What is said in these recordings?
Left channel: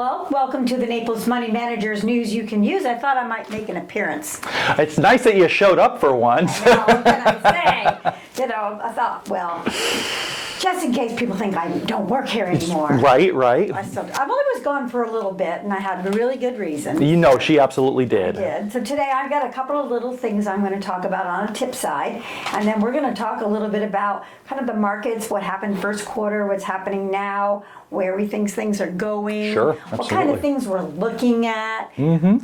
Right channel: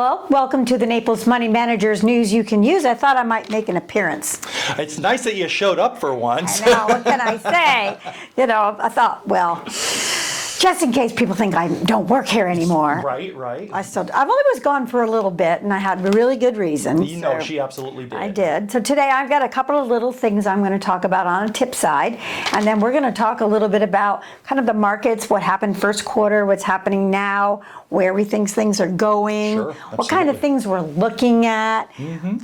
Well, welcome to the Naples Money Managers News You Can Use. I thought I might make an appearance. It's nice that you showed up for once. I know, what can I say? I thought, well, just in case people think I don't work here anymore. Right. I've only was gone for a little bit, and I had a really good reason. You know, she absolutely did. I did. So today I've got a couple of little things I'm going to talk about on a tip side, and then we're going to talk a little bit about kind of the markets, what happened first quarter, what's happening now, where we think things are going, Sure, what kind of things we're looking at,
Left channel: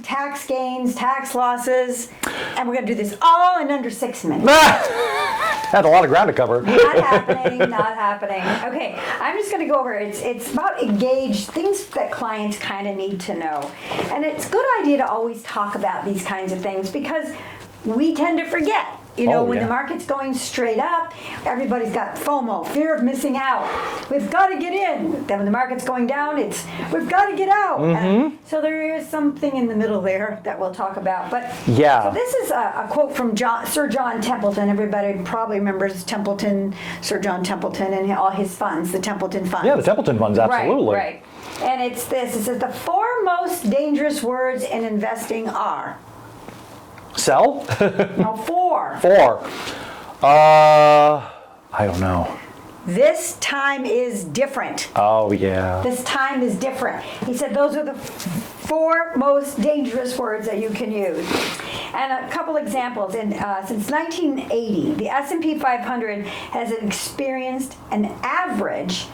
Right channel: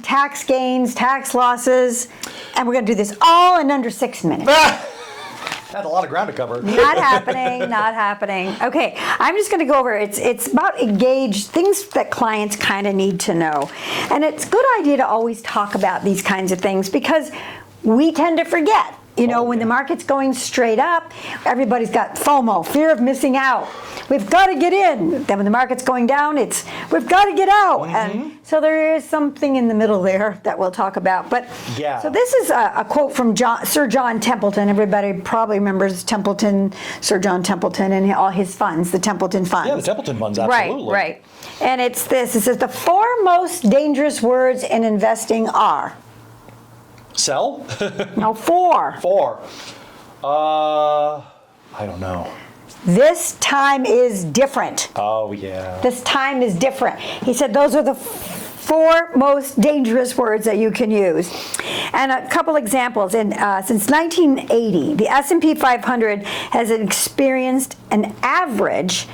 tax gains, tax losses, and we're going to do this all in under 6 minutes. Had a lot of ground to cover. Not happening. Okay, I'm just going to go over it's about engage things that clients kind of need to know. And it's a good idea to always talk about these kinds of things because we tend to forget. When the market's going straight up, everybody's got FOMO, fear of missing out. We've got to get in. Then when the market's going down, we've got to get out. And so there is something in the middle there that we'll talk about. But so this is a quote from Sir John Templeton. Everybody probably remembers Sir John Templeton and all his funds, the Templeton Funds. Yeah, the Templeton Funds, absolutely. Right. And it's this. It says the 4 most dangerous words in investing are. Sell? No, 4. 4. I don't know. This time is different. Oh, yeah. This time is different. He said those are the 4 most dangerous words that you can use. And a couple examples. Since 1980, the S&P 500 has experienced an average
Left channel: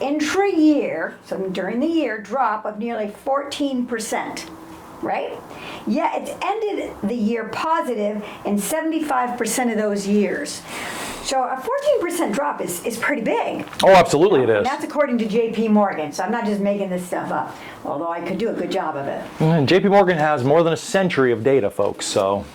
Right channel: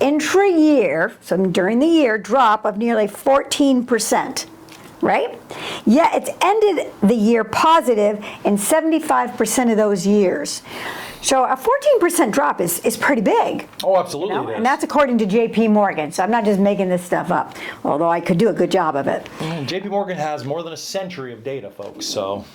intra-year, so during the year, drop of nearly 14%. Right? Yeah, it's ended the year positive in 75% of those years. So a 14% drop is pretty big. Oh, absolutely it is. And that's according to J.P. Morgan. So I'm not just making this stuff up, although I could do a good job of it. J.P. Morgan has more than a century of data, folks, so.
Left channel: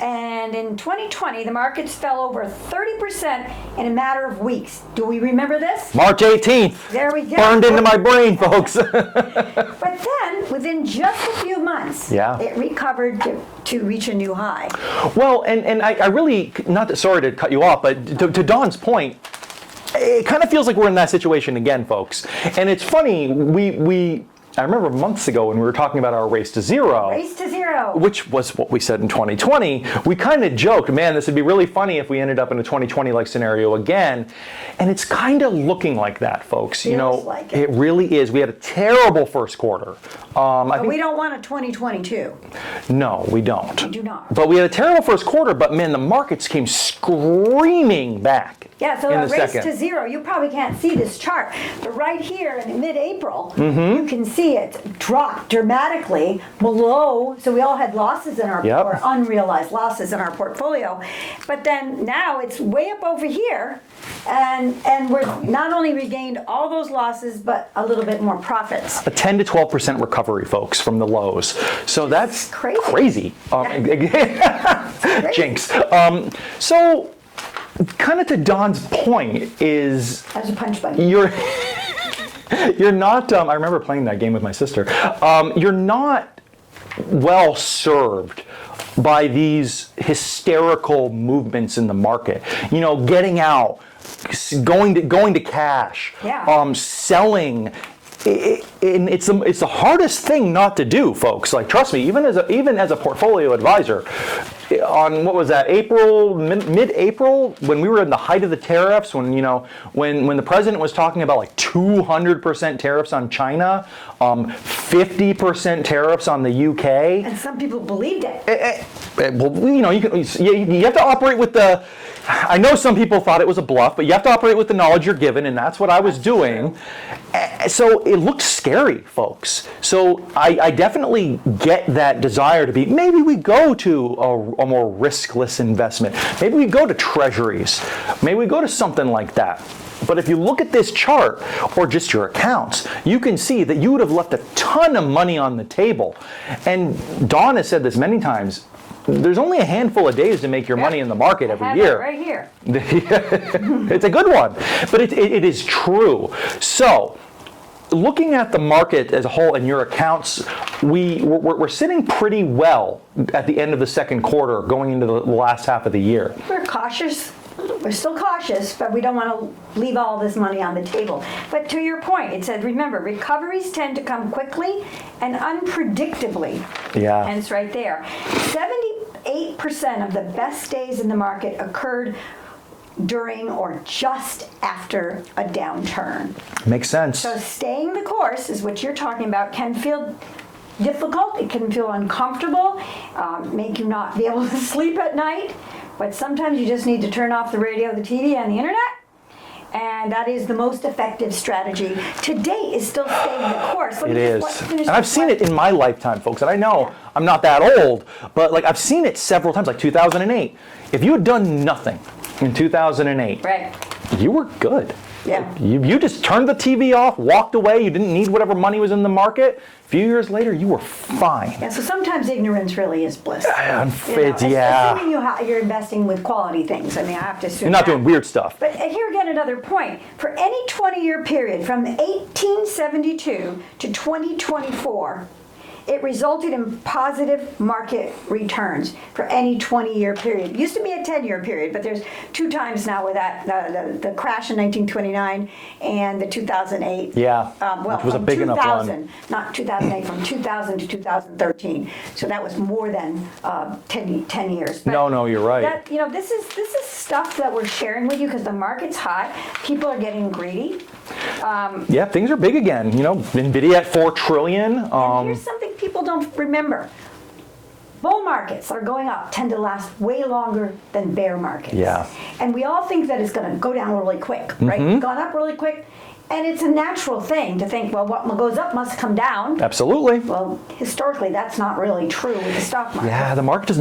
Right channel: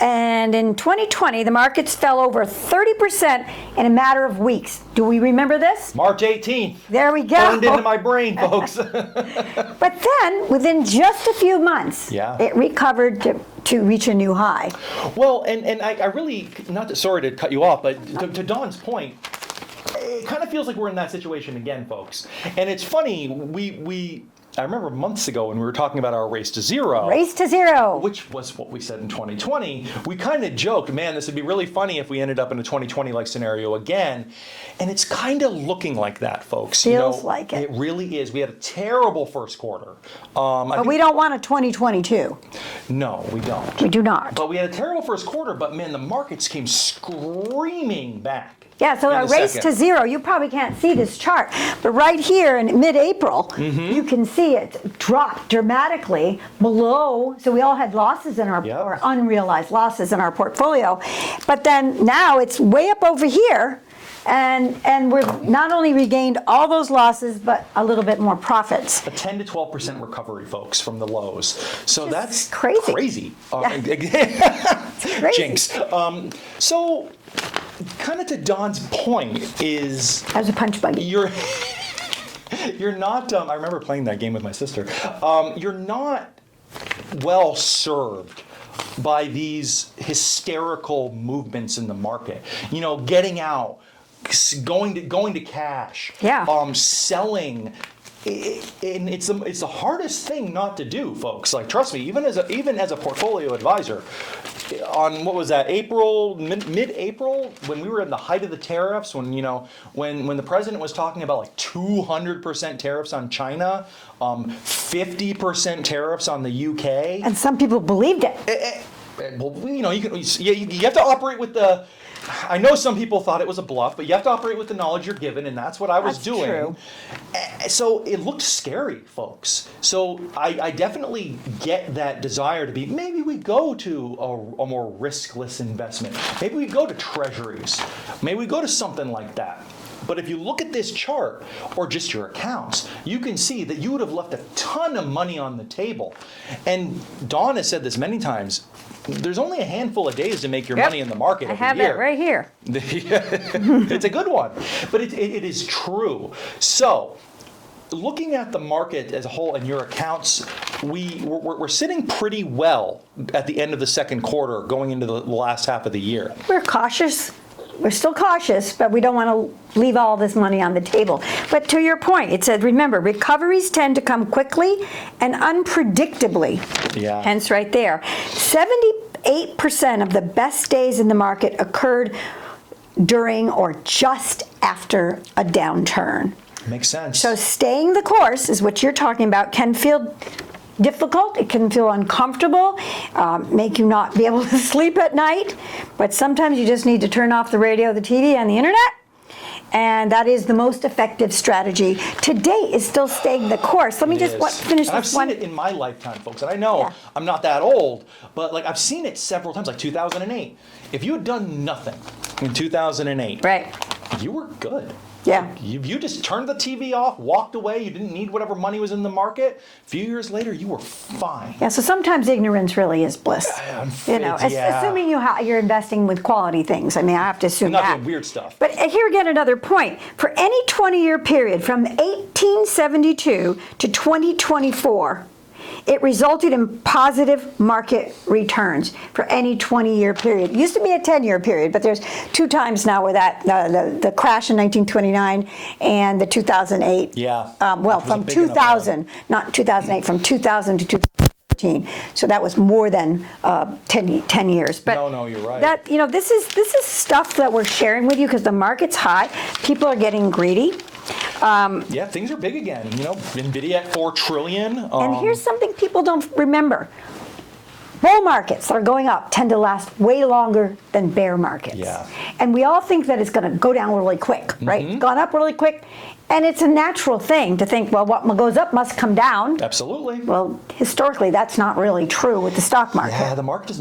And in 2020, the markets fell over 30% in a matter of weeks. Do we remember this? March 18th. There we go. Burned into my brain, folks. But then, within just a few months, it recovered to reach a new high. Well, and I really, sorry to cut you off, but to Dawn's point, it kind of feels like we're in that situation again, folks. And it's funny, I remember months ago when we were talking about our race to zero. Race to zero. Which was what we said in 2020. We kind of joked, man, this would be really funny if we ended up in a 2020-like scenario again. And it's kind of looking like that, folks. Feels like it. It really is. We had a terrible first quarter. But we don't want a 2022. No, we don't. We do not. But we had a terrible first quarter, but man, the markets came screaming back. Yeah, so a race to zero, you probably can't see this chart, but right here in mid-April, you can see it dropped dramatically below, so we all had losses in our, or unrealized losses in our portfolio, but then now it's way up over here, and we've not only regained all those losses, but a little bit more profits. A 10 to 12% recovery, folks, from the lows. So that's crazy. Jinx. So, kind of to Dawn's point is... That was a punch buggy. You're not, I remember playing that game with my sister, you're not well served by these hysterical movements in the market. Getting out, going to cash, selling. It's the hardest thing not to do, folks. Like, trust me, even as a portfolio advisor, on what was that, mid-April, when we were in the height of the tariffs, when the president was talking about like 200% tariffs on China, 50% tariffs on the UK, and some people believed it. Well, you have to operate with the. I know some people thought it was a bluff, but you have to operate with the knowledge you're given, and that's what I was doing. True. So it looked scary, folks. So I definitely get that desire to be, maybe we go to a more riskless investment. Maybe we go to treasuries. Maybe we go to something like that. But if you look at this chart, or just your accounts, you can see that you would have left a ton of money on the table. And Dawn has said this many times, there's only a handful of days to make your money in the market every year. I have it right here. It's a good one, but it is true. So, looking at the market as a whole and your accounts, we're sitting pretty well at the end of the second quarter, going into the last half of the year. We're cautious. we're still cautious, but we don't want to leave all this money on the table. But to your point, it said, remember, recoveries tend to come quickly and unpredictably. Yeah. Hence right there. 78% of the best days in the market occurred during or just after a downturn. Makes sense. So staying the course is what you're talking about, can feel difficult, it can feel uncomfortable, make you not be able to sleep at night, but sometimes you just need to turn off the radio, the TV, and the internet, and that is the most effective strategy. Today is still staying the course. Let me just finish and I've this seen one. it in my lifetime, folks, and I know Yeah. I'm not that old, but like I've seen it several times, like 2008. If you had done nothing in 2008, Right. you were good. Yeah. You just turned the TV off, walked away, you didn't need whatever money was in the market. A few years later, you were fine. Yeah, so sometimes ignorance really is bliss. Yeah. Assuming you're investing with quality things. I mean, I have to assume You're not that. doing weird stuff. But here again, another point. For any 20-year period from 1872 to 2024, it resulted in positive market returns for any 20-year period. It used to be a 10-year period, but there's 2 times now with that, the crash in 1929 and the 2008. Yeah, Well, which was a from big enough 2000, not 2008, from 2000 to 2013. So that was more than 10 years. But No, you're right. That, this is stuff that we're sharing with you because the market's hot. People are getting greedy. Yeah, things are big again. NVIDIA at $4 trillion. And here's something people don't remember. Bull markets that are going up tend to last way longer than bear markets. Yeah. And we all think that it's going to go down really quick, right? It's gone up really quick. And it's a natural thing to think, well, what goes up must come down. Absolutely. Well, historically, that's not really true with the stock market. Yeah, the market does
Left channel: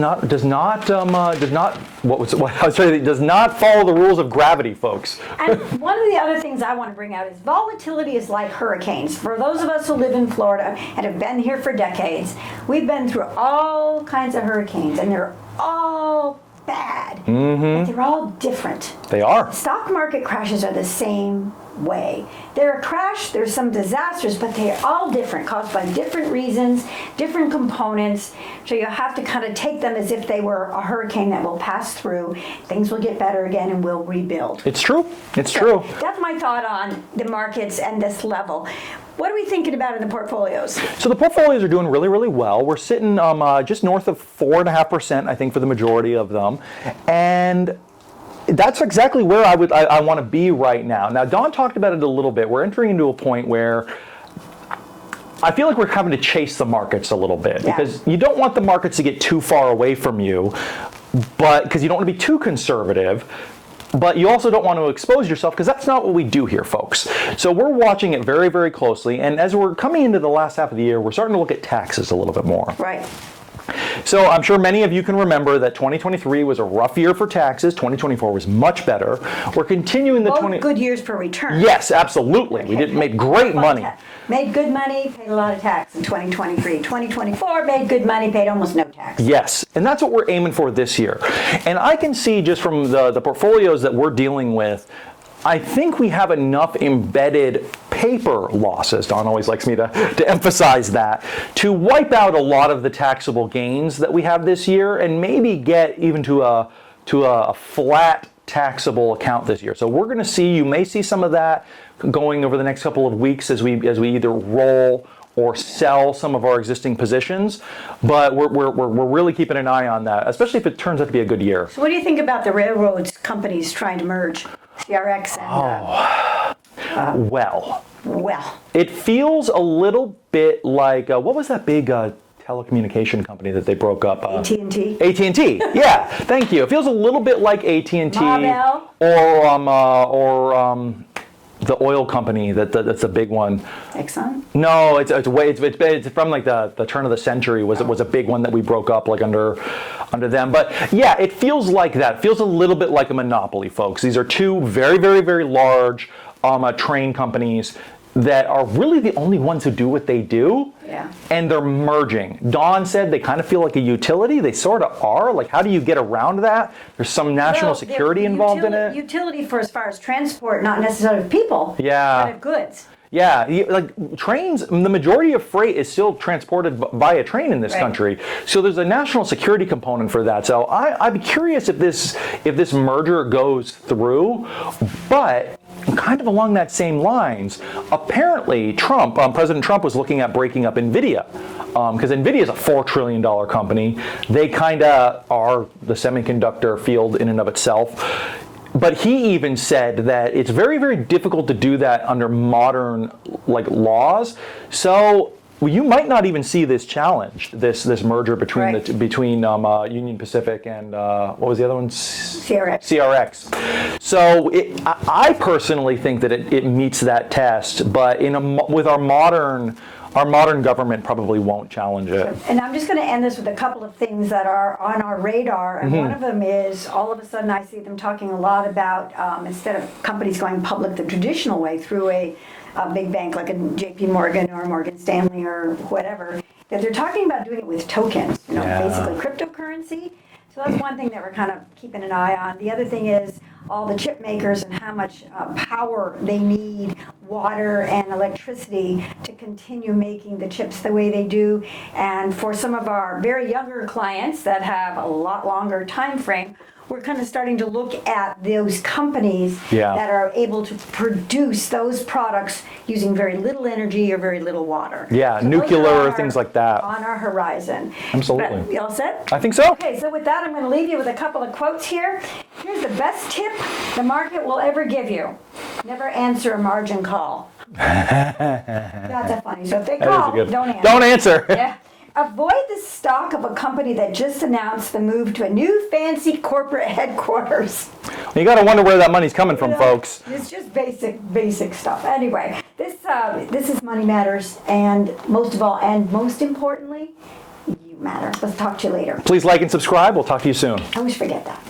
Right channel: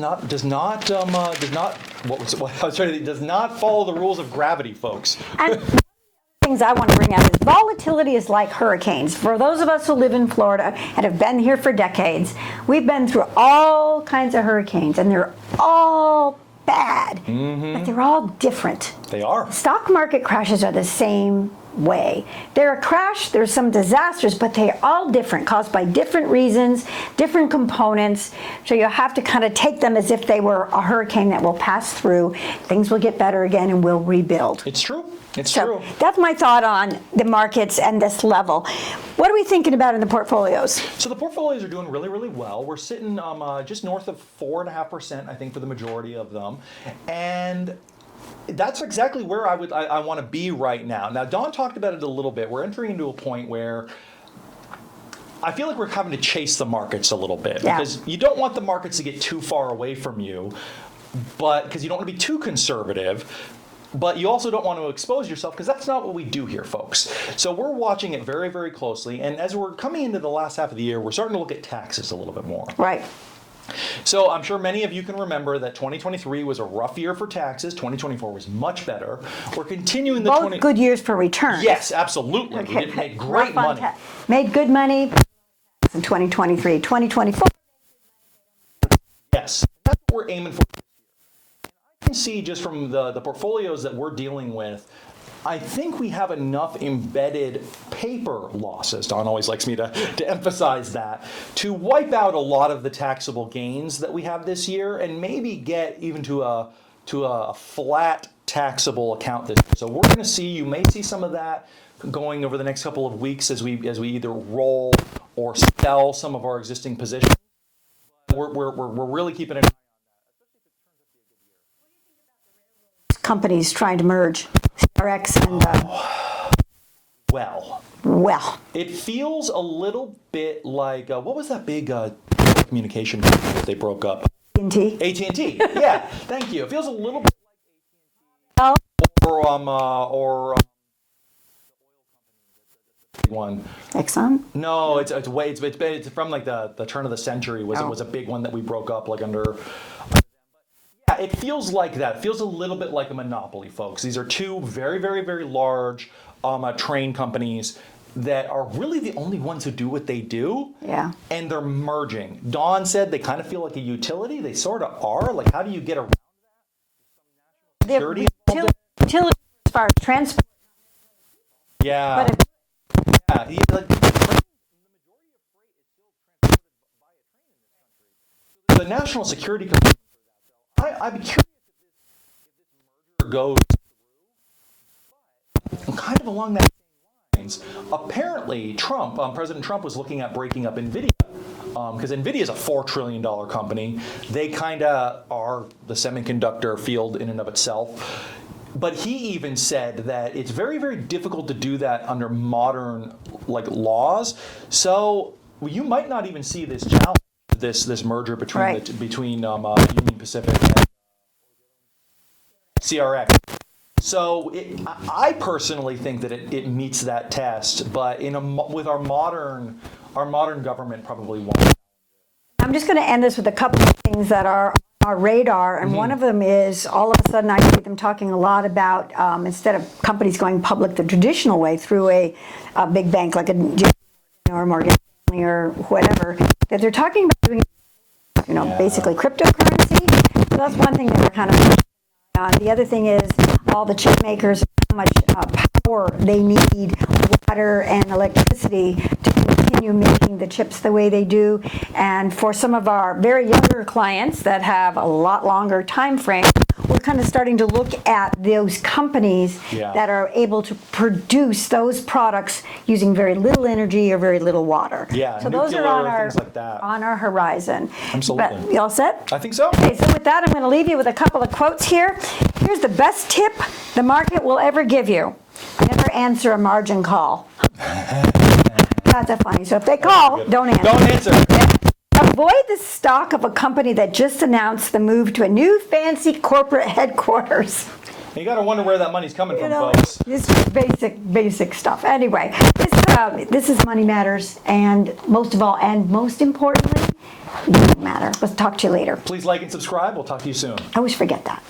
not follow the rules of gravity, folks. And one of the other things I want to bring out is volatility is like hurricanes. For those of us who live in Florida and have been here for decades, we've been through all kinds of hurricanes, and they're all bad, but they're all different. They are. Stock market crashes are the same way. They're a crash, there's some disasters, but they are all different, caused by different reasons, different components. So you have to kind of take them as if they were a hurricane that will pass through. Things will get better again and we'll rebuild. It's true. It's So true. that's my thought on the markets and this level. What are we thinking about in the portfolios? So the portfolios are doing really, really well. We're sitting just north of 4.5%, I think, for the majority of them. And that's exactly where I want to be right now. Now, Dawn talked about it a little bit. We're entering into a point where I feel like we're having to chase the markets a little bit because you don't want the markets to get too far away from you, but because you don't want to be too conservative. But you also don't want to expose yourself because that's not what we do here, folks. So we're watching it very, very closely. And as we're coming into the last half of the year, we're starting to look at taxes a little bit more. Right. So I'm sure many of you can remember that 2023 was a rough year for taxes. 2024 was much better. We're continuing the Both good years for return. Yes, absolutely. We did make great money. Made good money, paid a lot of tax in 2023. 2024 made good money, paid almost no tax. Yes, and that's what we're aiming for this year. And I can see just from the portfolios that we're dealing with, I think we have enough embedded paper losses, Don always likes me to emphasize that, to wipe out a lot of the taxable gains that we have this year and maybe get even to a flat taxable account this year. So we're going to see, you may see some of that going over the next couple of weeks as we either roll or sell some of our existing positions, but we're really keeping an eye on that, especially if it turns out to be a good year. So what do you think about the railroads companies trying to merge CRX and Well, it feels a little bit like what was that big telecommunication company that they broke up? AT&T? AT&T. Yeah, thank you. It feels a little bit like AT&T Marvell? or the oil company that's a big one. Exxon? No, it's from like the turn of the century. It was a big one that we broke up like under them. But yeah, it feels like that. It feels a little bit like a monopoly, folks. These are two very, very, very large train companies that are really the only ones who do what they do. Yeah. And they're merging. Dawn said they kind of feel like a utility. They sort of are. Like, how do you get around that? There's some national Well, security the involved in it. Utility for as far as transport, not necessarily of people, Yeah. but of goods. Yeah, like trains, the majority of freight is still transported via train in this Right. country. So there's a national security component for that. So I'm curious if this merger goes through, but kind of along that same lines, apparently President Trump was looking at breaking up NVIDIA. Because NVIDIA is a $4 trillion company. They kind of are the semiconductor field in and of itself. But he even said that it's very, very difficult to do that under modern laws. So you might not even see this challenged, this merger between Right. between Union Pacific and what was the other one? CRX. So I personally think that it meets that test, but with our modern government probably won't challenge it. And I'm just going to end this with a couple of things that are on our radar. And one of them is all of a sudden I see them talking a lot about instead of companies going public the traditional way through a big bank like a JP Morgan or Morgan Stanley or whatever, that they're talking about doing it with tokens, Yeah. basically cryptocurrency. So that's one thing that we're kind of keeping an eye on. The other thing is all the chip makers and how much power they need, water and electricity to continue making the chips the way they do. And for some of our very younger clients that have a lot longer time frame, we're kind of starting to look at those companies Yeah. that are able to produce those products using very little energy or very little water. Yeah, So those are nuclear, on things like that. On our horizon. Absolutely. But you all set? I think so. Okay, so with that, I'm going to leave you with a couple of quotes here. Here's the best tip the market will ever give you. Never answer a margin call. Not that funny. So if they call, Good. don't answer. Don't answer. Yeah. Avoid the stock of a company that just announced the move to a new fancy corporate headquarters. You got to wonder where that money's coming from, folks. This is basic stuff. Anyway, this is Money Matters, and most of all, and most importantly, it doesn't matter. Let's talk to you later. Please like and subscribe. We'll talk to you soon. I always forget that.